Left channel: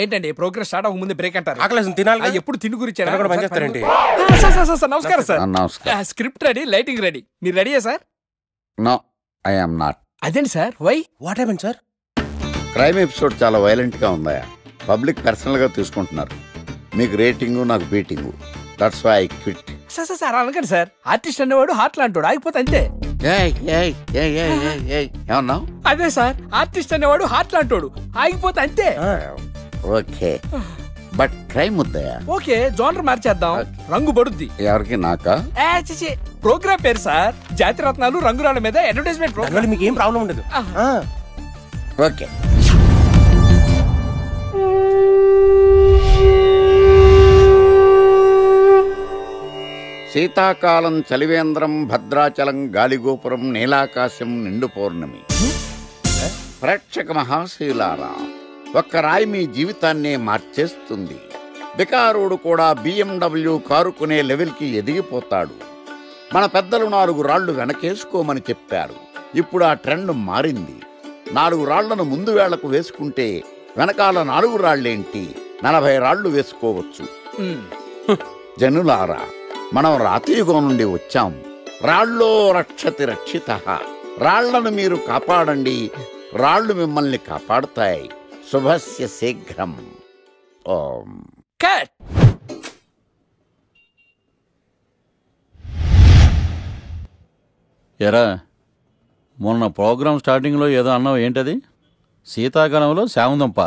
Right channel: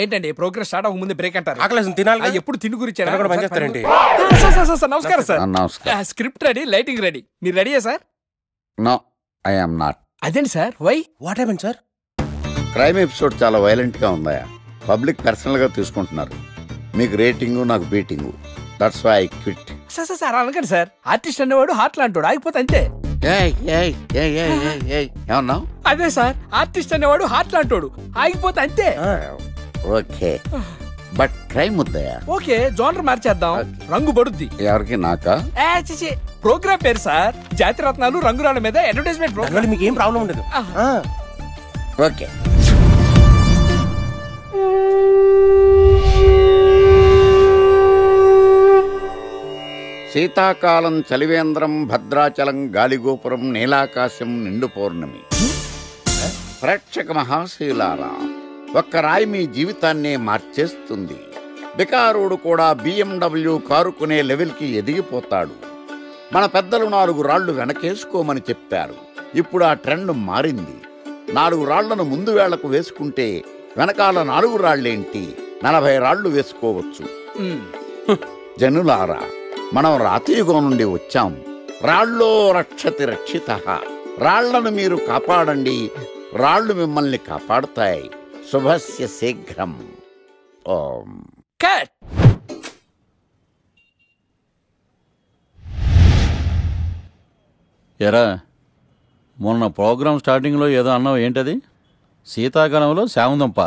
ఏంటండి progress start అవ్వక ముందు బ్రేక్ అంటారు? ఆకలేసం తినాలి. ఎప్పుడు తిని గురించి నమస్కారం. Script ready, lighting ready. మీరు రెడీయా sir? No, I am not. అదేంటి sir? Why? What happened sir? Crime episode చాలా వైలెంట్ గా ఉందా? పబ్లిక్ పర్సనల్ గా తీసుకుంటున్నారు. మీకు రేటింగు, నాకు beating. That's why I quit. Sir అనకండి సార్. ఆర్టిస్ట్ అనేవాడు హార్ట్ లాంటాడు, ఆగిపోతే అంతే. ఏమన్నావు? అదే సార్, ఆర్టిస్ట్ అనేవాడు హార్ట్ లాంటాడు, ఆగిపోతే అంతే. ఓకే, బట్ క్రైమ్ వద్దయా? ఓకే, జోనర్ మార్చేద్దాం. రంగు పడుద్ది. ఎవరికి? నాకా? ప్రోగ్రామ్ పేరు సార్ జాతిరత్నాలు రంగురాళ్ళ మీద అడ్వర్టైజ్మెంట్ ప్రోగ్రామ్. మీకు ఏం ప్రాబ్లం ఉండదు. ఓకే. శీతాకాలం చలివేంద్రం, భద్రాచలం గాలిగోపురం, నీలాకాశం, నిండు పౌర్ణమి. ప్రేక్షక మహాశయులారా, ఒక్క రాయి మీ జీవితాన్నే మార్చేస్తుంది. బికారోడు కూడా BMW కారు కొనే లెవెల్కి ఎదిగిపోతాడు. మన పెద్దలు 4 రాళ్లు వెనకేసుకోమని చెప్పారు. ఇప్పుడు ఆ ట్రెండ్ మారింది. 4 రాళ్లను ముందు వేళ్లకు వేసుకుంటే వెనకాల 4 రాళ్లేంటి 40 రాళ్లు వేసుకోవచ్చు. జనులారా, మనం రాతియుగం నుండి వచ్చాం. రాళ్ళో రక్షతి రక్షితః. రాళ్లను మీరు కాపాడండి, రాళ్లు మిమ్మల్ని కాపాడుతాయి. శుభస్య శీఘ్రం. ఓం. కట్. ఎరా, మొన్న ప్రోగ్రామ్ స్టార్టింగ్లో ఏదో అన్నావు, ఏంటది? శీతాకాలంలో శామదుంప.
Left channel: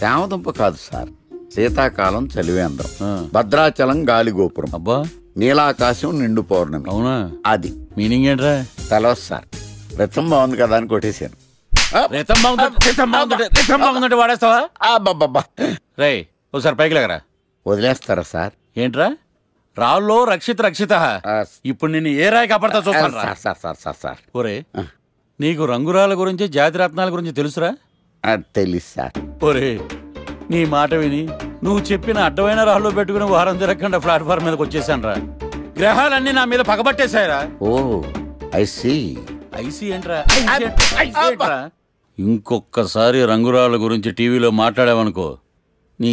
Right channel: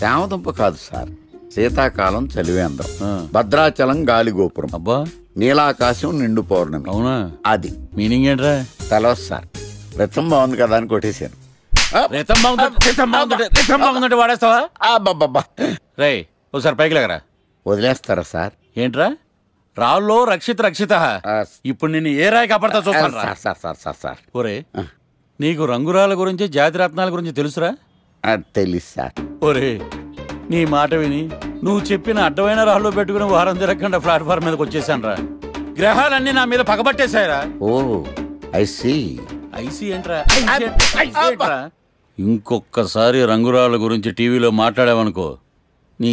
శామదుంప కాదు సార్, శీతాకాలం చలివేంద్రం, భద్రాచలం గాలిగోపురం, అబ్బా, నీలాకాశం, నిండు పౌర్ణమి. అవునా? అది మీనింగ్ ఏంట్రా? తెలవదు సార్. రతం బాగుంది కదా అని కొట్టేశాను. వాడేస్తావా? అబ్బబ్బబ్బా, రే ఒకసారి పైకి లేకరా. వదిలేస్తారా సార్? ఏంట్రా? రాళ్ళో రక్షిత రక్షిత. ఇప్పుడు నిన్ను ఏ రాయి కాపాడతా చూస్తాను. సార్ ఒరే, నీకు రంగురాల గురించి, జాతి రత్నాల గురించి తెలుసురా? తెలీదు సార్. ఒరే, నీ మాట విని నువ్వు చెప్పిన అడ్డమైన రాళ్ళు పెట్టుకుని వారం తిరగకుండా ప్లాట్ఫామ్ మీదకి వచ్చేసాను రా. గ్రహాలన్నీ నా మీద పగబట్టేశాయరా. ఓ, ఐ సీ. ఐసీ ఏంట్రా? ఇంకొక్కసారి రంగురాళ్ళ గురించి టీవీలో మాట్లాడావనుకో, నీ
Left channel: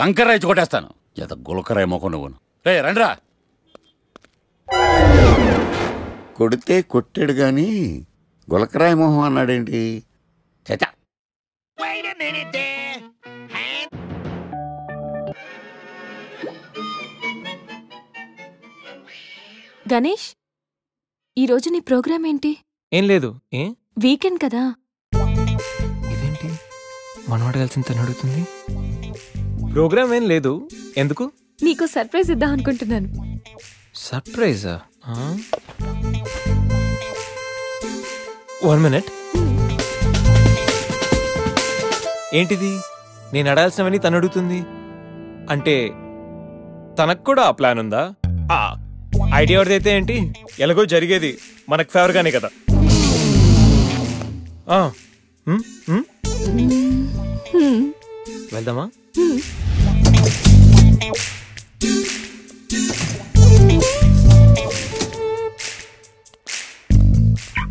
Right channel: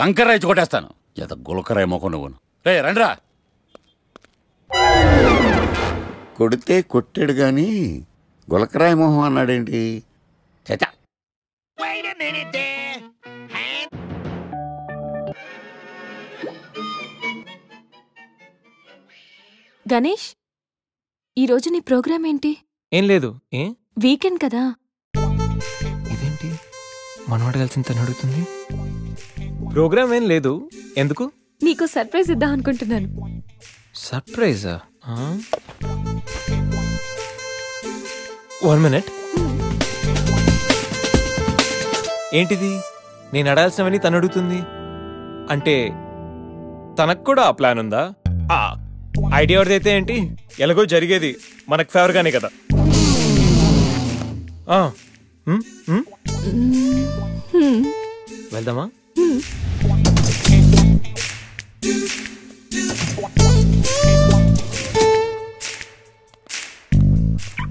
కంకర్రాయి కొట్టేస్తాను. ఎంత గులకరాయి మొక్క నువ్వు. రే రండ్రా. కొడితే కొట్టాడు గాని గులకరాయి మొహం అన్నాడేంటి? చచా. గణేష్, ఈరోజు నీ ప్రోగ్రామ్ ఏంటి? ఏం లేదు. వీకెండ్ కదా. ఇదేంటి మనవాడు కలిసి తను అడుగుతుంది? ప్రోగ్రామ్ ఏం లేదు. ఎందుకు? నీకు సర్ప్రైజ్ ఇద్దాం అనుకుంటున్నాను. సర్ప్రైజా? 1 minute. ఏంటిది? నేను అడాల్సినవని తను అడుగుతుంది అంటే తనకు కూడా ఆ ప్లాన్ ఉందా? ఐడియా ఎవరిదైతే ఏంటి, ఎలాగో జరిగేది మనకు ఫేవర్ గానే కదా. వెళ్దామా?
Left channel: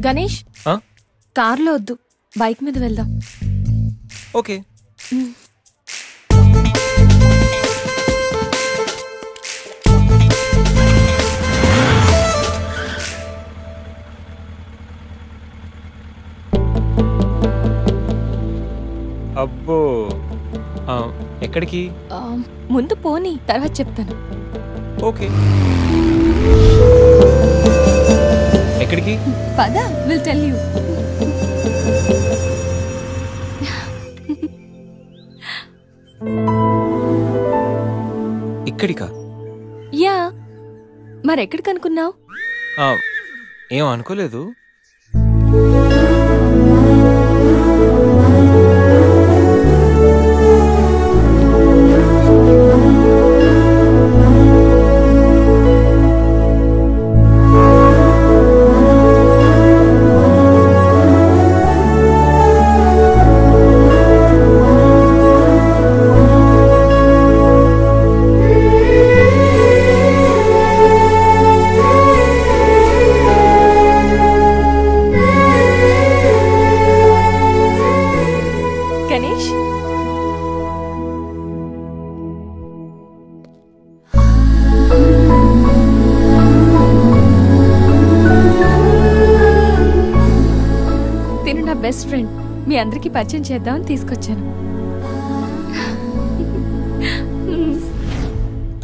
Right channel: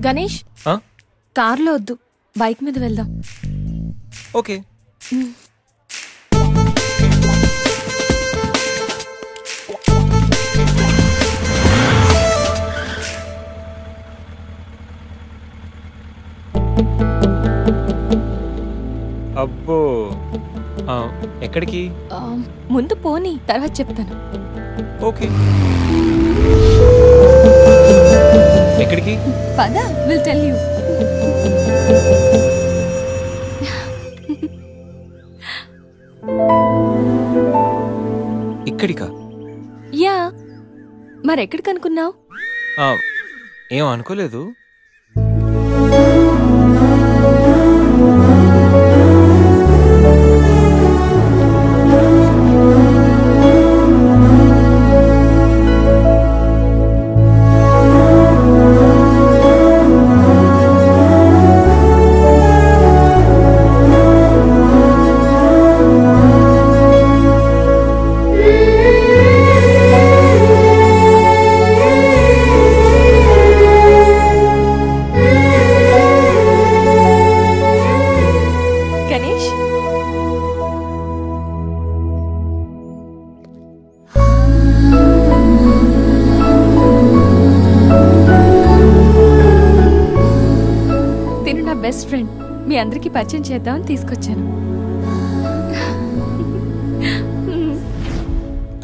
గణేష్, కార్లో వద్దు, బైక్ మీద వెళ్దాం. ఓకే. అబ్బో, ఎక్కడికి? ముందు పోనీ, తర్వాత చెప్తాను. ఓకే. ఎక్కడికి? పద, విల్ టెల్ యూ. ఇక్కడికా? యా, మరెక్కడికి అనుకున్నావు? ఏం అనుకోలేదు. Best friend. మీ అందరికి పరిచయం చేద్దామని తీసుకొచ్చాను.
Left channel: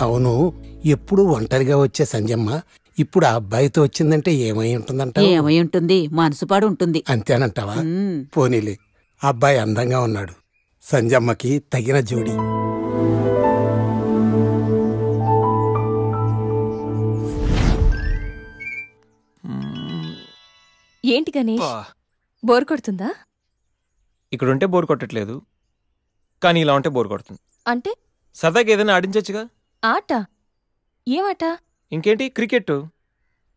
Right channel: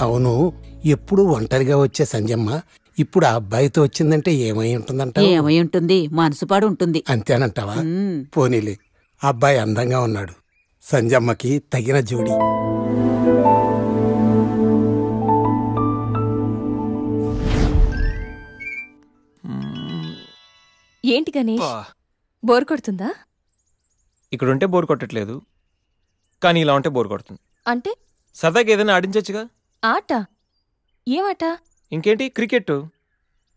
అవును, ఎప్పుడు ఒంటరిగా వచ్చే సంజమ్మ ఇప్పుడు ఆ అబ్బాయితో వచ్చిందంటే ఏమై ఉంటుందంట? ఏమై ఉంటుంది, మనసుపాడు ఉంటుంది. అంతేనంటావా? పోనీలే, అబ్బాయి అందంగా ఉన్నాడు, సంజమ్మకి తగిన జోడి. ఏంటి గణేష్, బోర్ కొడుతుందా? ఇక్కడ ఉంటే బోర్ కొట్టట్లేదు, కానీ ఇలా ఉంటే బోర్ కొడుతుంది. అంటే సరదాగా ఏదైనా ఆడించచ్చుగా. ఆట? ఏమాట? ఇంకేంటి, క్రికెట్.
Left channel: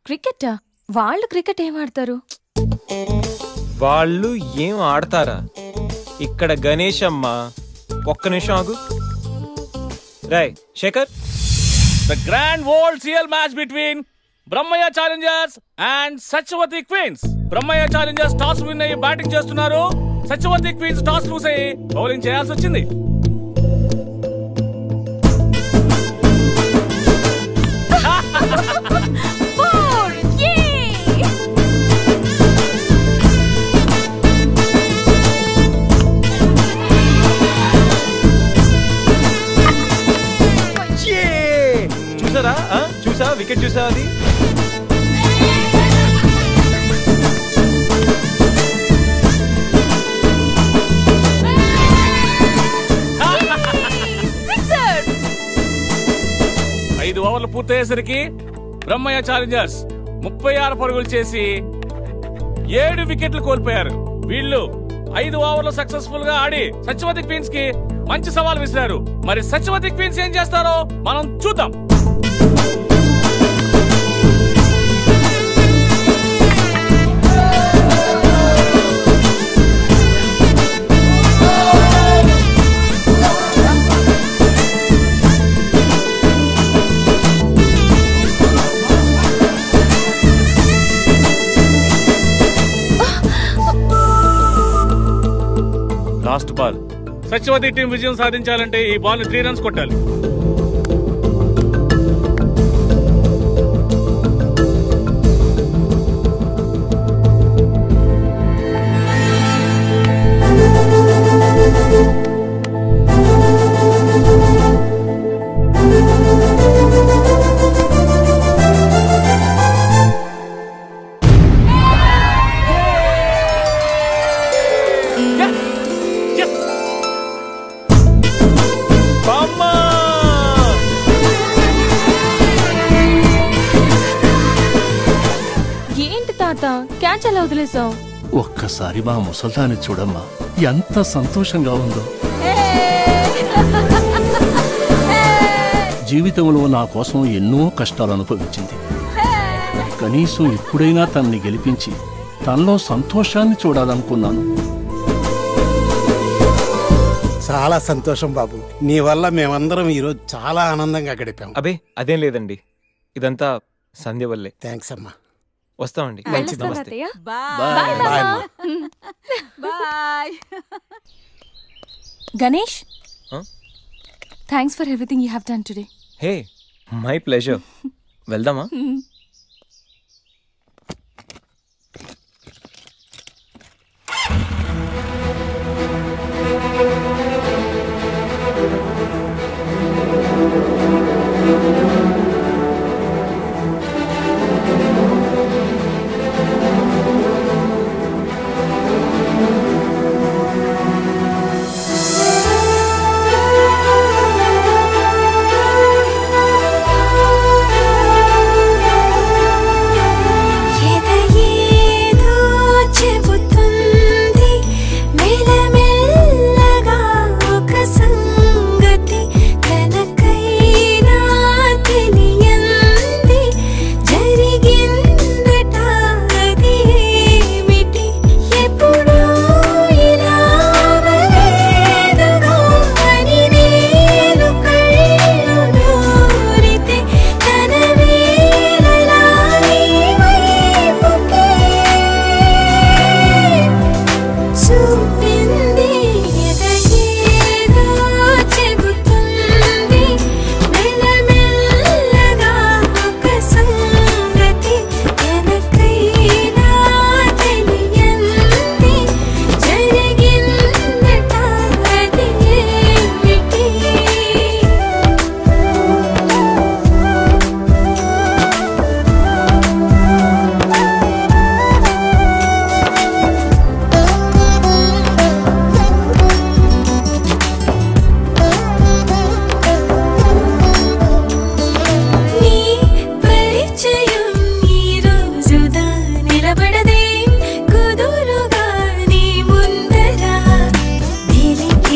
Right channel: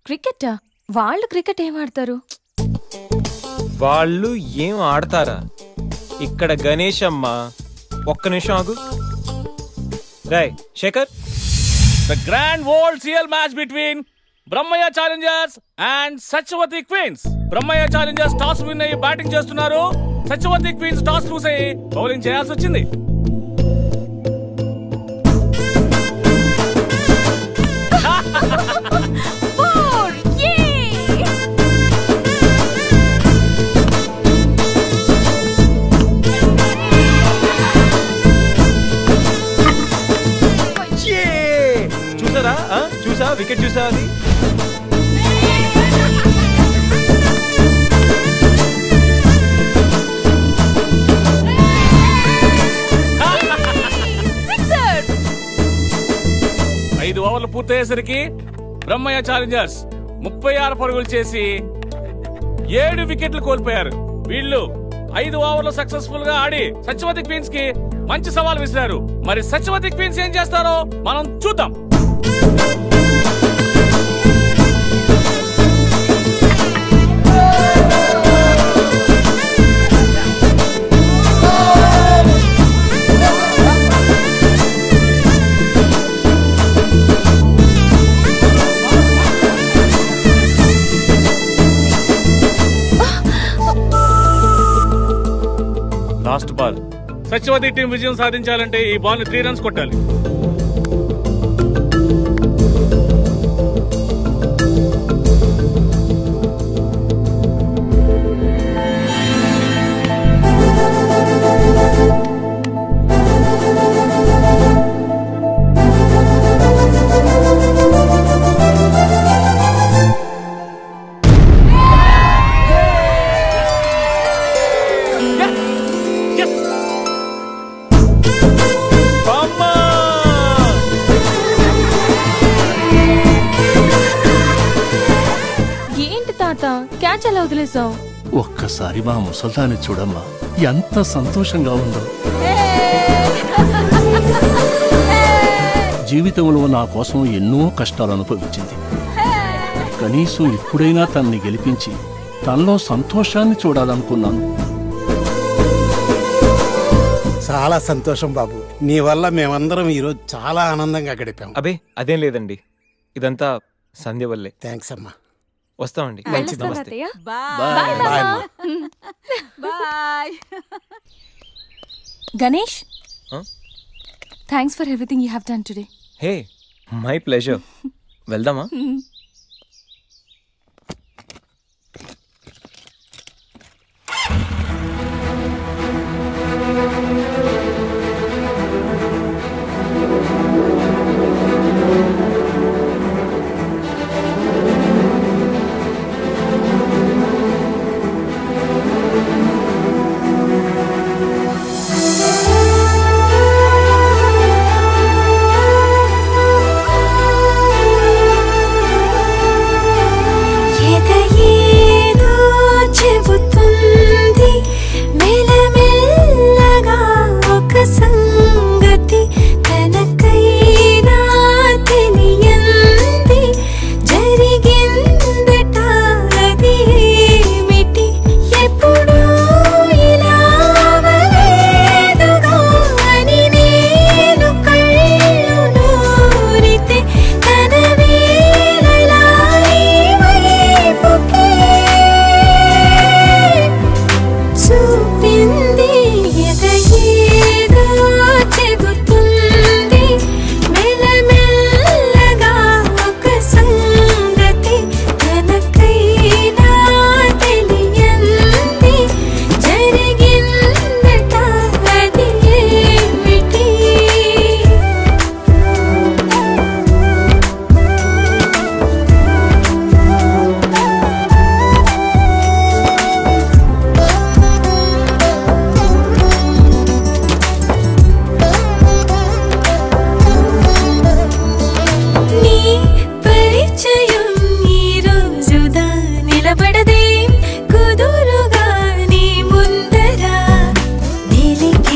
క్రికెటా? వాళ్ళు క్రికెట్ ఏం ఆడతారు? వాళ్ళు ఏం ఆడతారా? ఇక్కడ గణేష్ అమ్మ. ఒక్క నిమిషం ఆగు. Rai Shekhar, The grand world CL match between Brahmaya Challengers and Sachwati Queens. Brahmaya Challengers toss win అయ్యి బ్యాటింగ్ చేస్తున్నారు. సత్యవతి క్వీన్స్ టాస్ లూస్ అయ్యి బౌలింగ్ చేయాల్సి వచ్చింది. చూసారా? చూసా, వికెట్ చూసా అది. ఐదు ఓవర్లు పూర్తయ్యేసరికి బ్రహ్మయ్య ఛాలెంజర్స్ 36 పరుగులు చేసి 7 వికెట్లు కోల్పోయారు. వీళ్ళు 5 ఓవర్లు సక్సెస్ఫుల్ గా ఆడి సత్యవతి క్వీన్స్ కి మంచి సవాల్ విసిరారు. మరి సత్యవతి క్వీన్స్ ఏం చేస్తారో మనం చూద్దాం. Last ball. సత్యవతి టీం విజయం సాధించాలంటే ఈ బాల్ ని 3 రన్స్ కొట్టాలి. ఏంటి తాత, క్యాచ్ ఎలా వదిలేసావు? ఒక్కసారి మా ముసల్దాన్ని చూడమ్మా, ఎంత సంతోషంగా ఉందో. జీవితంలో నా కోసం ఎన్నో కష్టాలు అనుభవించింది. కనీసం ఇప్పుడైనా తనని గెలిపించి తనలో సంతోషాన్ని చూడాలనుకున్నాను. చాలా సంతోషం బాబు, నీ వల్ల మేమందరం ఈరోజు చాలా ఆనందంగా గడిపాం. అబే అదేం లేదండి, ఇదంతా సంధ్య వల్లే. థ్యాంక్స్ అమ్మా. వస్తామండి. వెళ్ళొస్తా తాతయ్య. బాయ్ అమ్మా. Bye. Ganesh, thanks for everything you have done today. Hey, my pleasure. వెళ్దామా?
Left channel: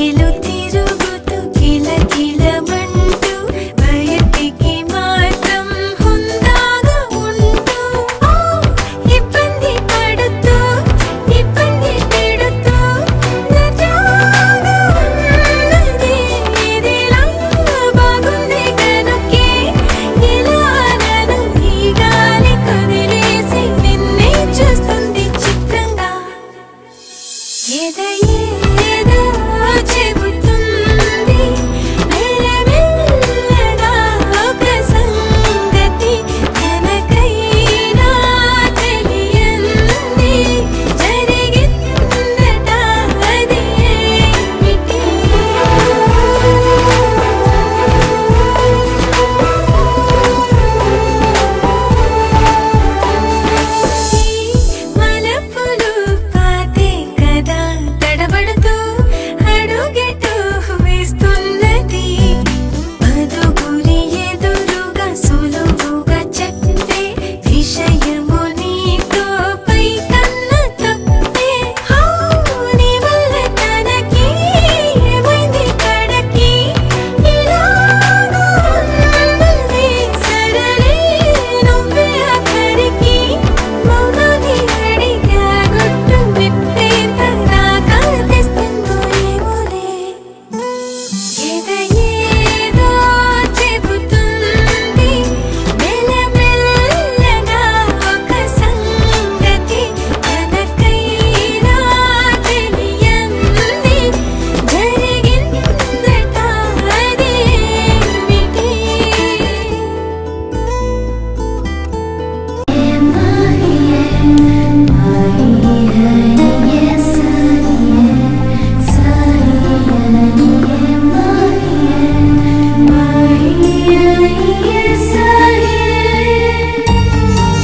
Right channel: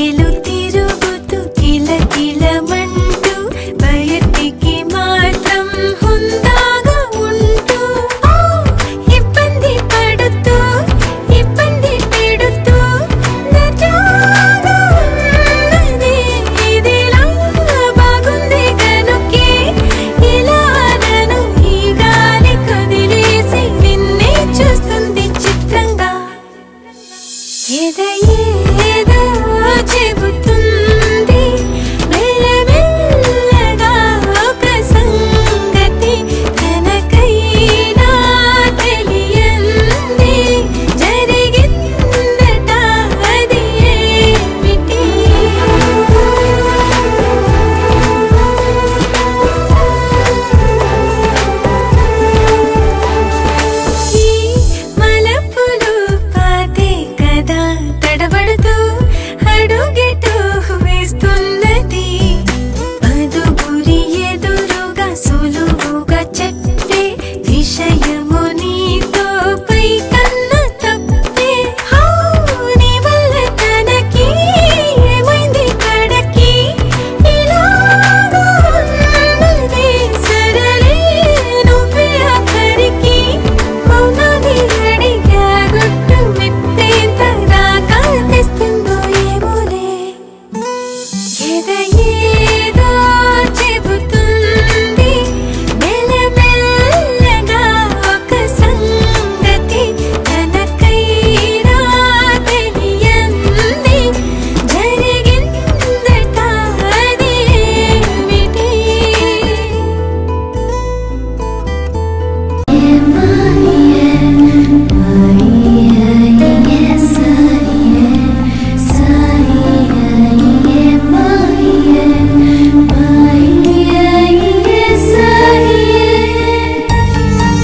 రేఖలు తిరుగుతూ కిల కిల